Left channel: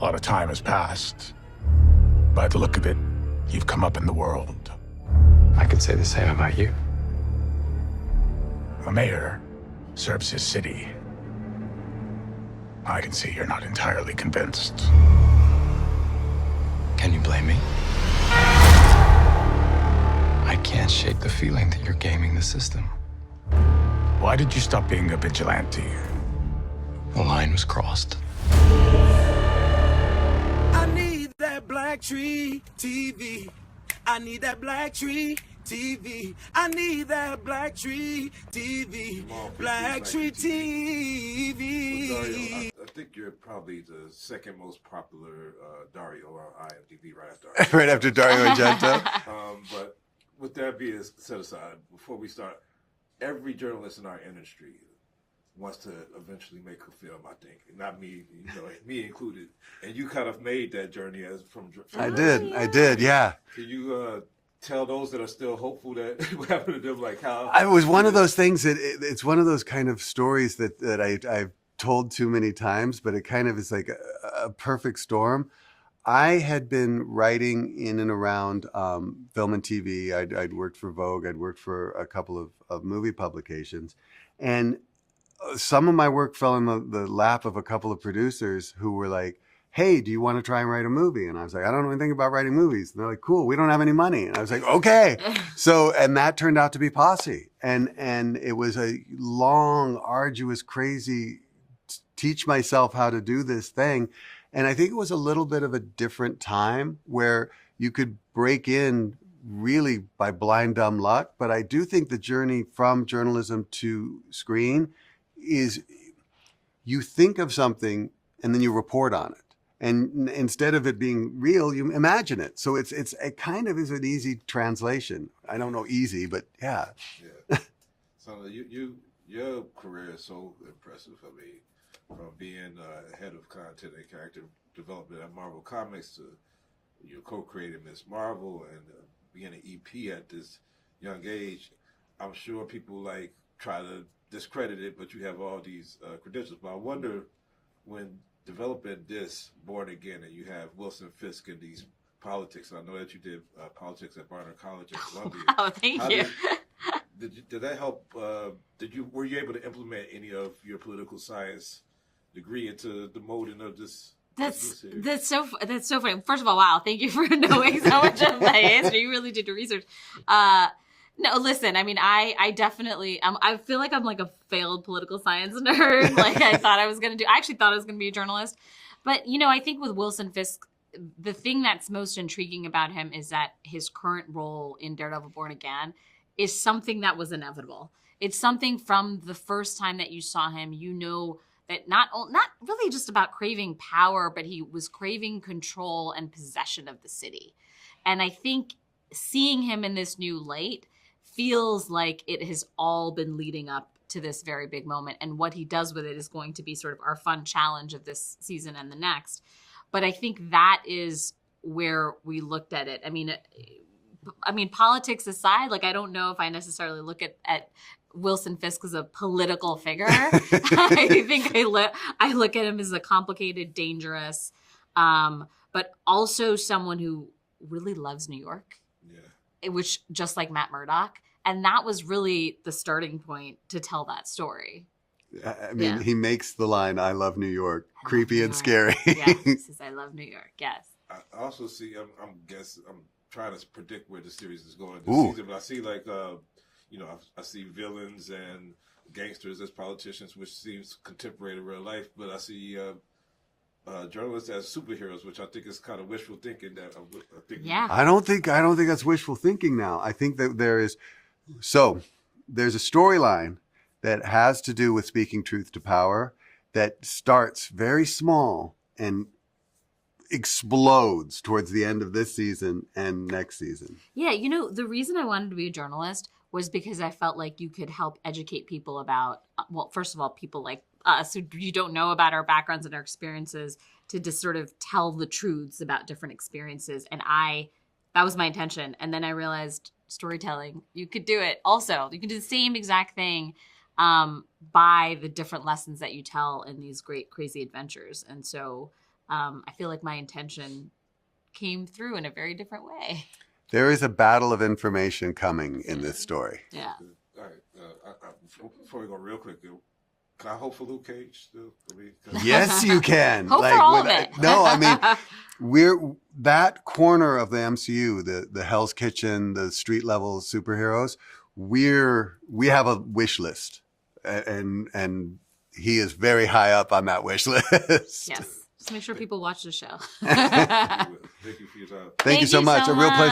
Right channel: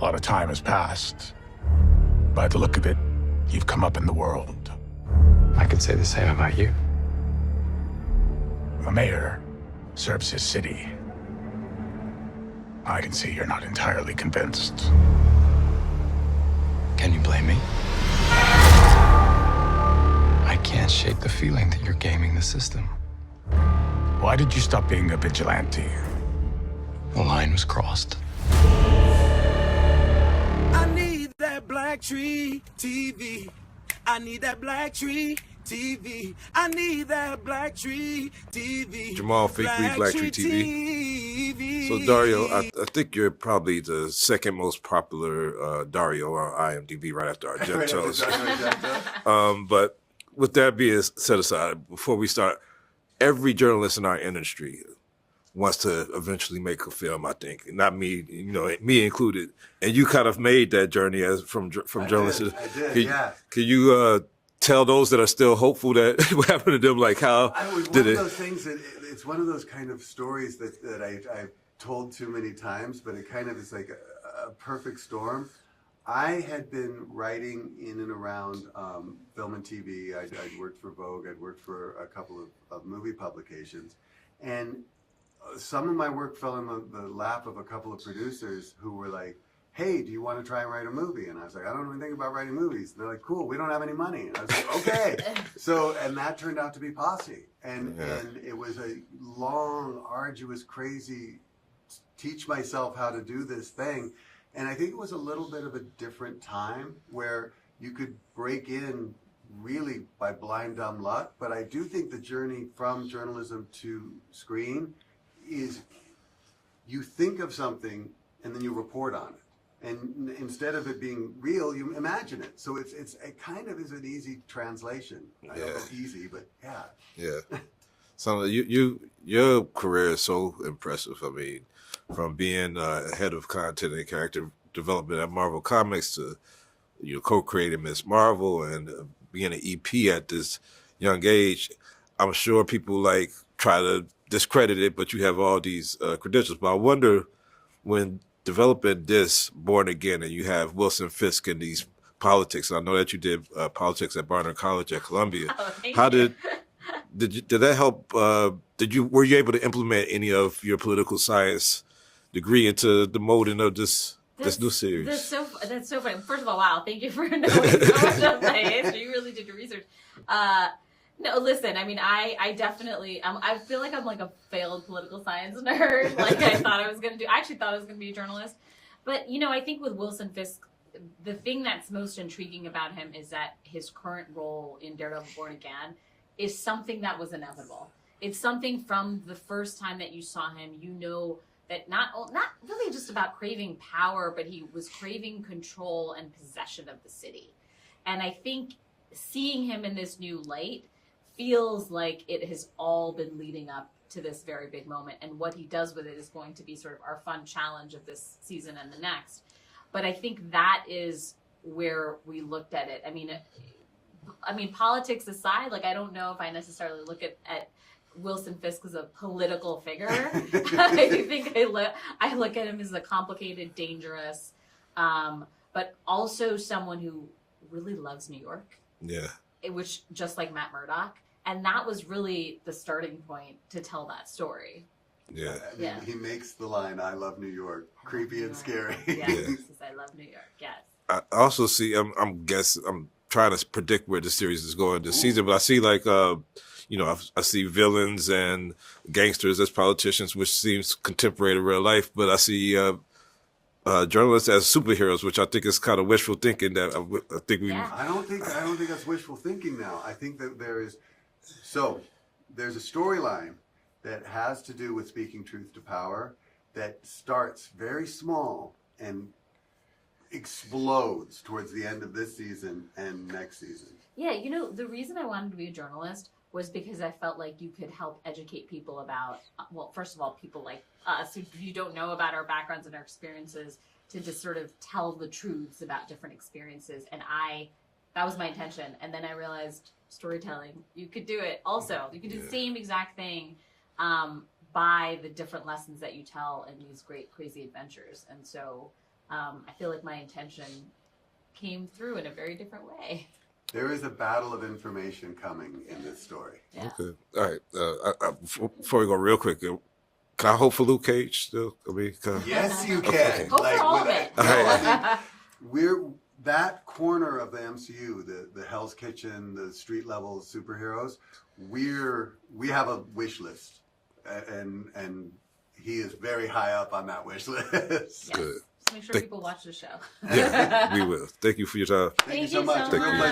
A lot of time has passed. By the look of it, you've come up in the world. I could say the same about you. A mayor serves his city. I can see you're not entirely convinced. Can you blame me? I can't shake the feeling that you're gaming the system. Why did you stop being a vigilante? The line was crossed. I need that BlackTree TV. I need that BlackTree TV. I need that BlackTree TV. Jamal Fake BlackTree TV. So Dario, I think you're probably the second most popular Dario on IMDb, right after Argento. Right after Dario Argento. But with that being set aside, before we start, every journalist in our industry wants to eventually make a film, I think. Not me, me included. And you kind of made that journey as from journalism. I did, yeah. Can you tell those that are still hopeful that what happened to them, like how? It was one of those things that it's one of those kind of stories that I've told too many times, but it kind of is like a perfect storm. I had been writing in and around film and TV. I'd worked for Vogue. I'd worked for a couple of movie publications. And some of my work fell in the lap of a couple of producers who were like, hey, do you want to try and write a movie? And I was like, I don't know anything about writing movies. And they're like, cool, we don't have any money. And I was like, okay. And that turned out to be Posse. And it was a long, arduous, crazy, teach myself how to do this thing. And I think it was a little bit of a different time where you could break in really by blind, dumb luck. But I do think the journey from journalism to screen is you think of something and then you report on it. And instead of it being real, you imagine it. So it kind of is an easy translation. I don't know easy, but yeah. Yeah. So your career is so impressive. I mean, from being head of content and character development at Marvel Comics to co-creating Ms. Marvel and being an EP at this young age, I'm sure people try to discredit it, but you have all these credentials. But I wonder, when developing this Born Again and you have Wilson Fisk in these politics, I know that you did politics at Barnard College at Columbia. Oh, thank you. Did that help? Were you able to implement any of your political science degree into the molding of this new series? That's so funny. First of all, wow, thank you for knowing so much of my history. You really did your research. No, listen, I mean, I definitely, I feel like I'm like a failed political science nerd. I actually thought I was going to be a journalist. But, I think with Wilson Fisk, the thing that's most intriguing about him is that his current role in Daredevil Born Again is something that was inevitable. It's something from the first time that you saw him, that not really just about craving power, but he was craving control and possession of the city. And I think seeing him in this new light feels like it has all been leading up to this very big moment. And what he does with it is going to be sort of our fun challenge of this season and the next. But I think that is where we looked at it. I mean, politics aside, I don't know if I necessarily look at Wilson Fisk as a political figure. I think I look at him as a complicated, dangerous, but also someone who really loves New York. Yeah. Which, just like Matt Murdock. And that was really the starting point to tell that story. Yeah. I mean, he makes the line, I love New York, creepy and scary. Yes, he says, I love New York, yes. I also see, I'm trying to predict where the series is going this season, but I see I see villains and gangsters as politicians, which seems contemporary to real life, but I see journalists as superheroes, which I think is kind of wishful thinking. I don't think that's wishful thinking now. I think that there's a storyline that has to do with speaking truth to power that starts very small and explodes towards the end of this season and next season. Yeah, the reason I wanted to be a journalist was because I felt like you could help educate people about, first of all, people like us who you don't know about our backgrounds and our experiences, to just sort of tell the truths about different experiences. And that was my intention. And then I realized storytelling, you could do it also. You can do the same exact thing by the different lessons that you tell in these great, crazy adventures. And so I feel like my intention came through in a very different way. There is a battle of information coming in this story. Yeah. Okay. All right. Before we go, real quick, can I hope for Luke Cage still? I mean, Yes, you can. Hope for all of it. No, I mean, we're that corner of the MCU, the Hell's Kitchen, the street level superheroes. We have a wish list, and he is very high up on that wish list. Yes. Just make sure people watch the show. we will. Thank you for your time. Thank you so much. A real pleasure.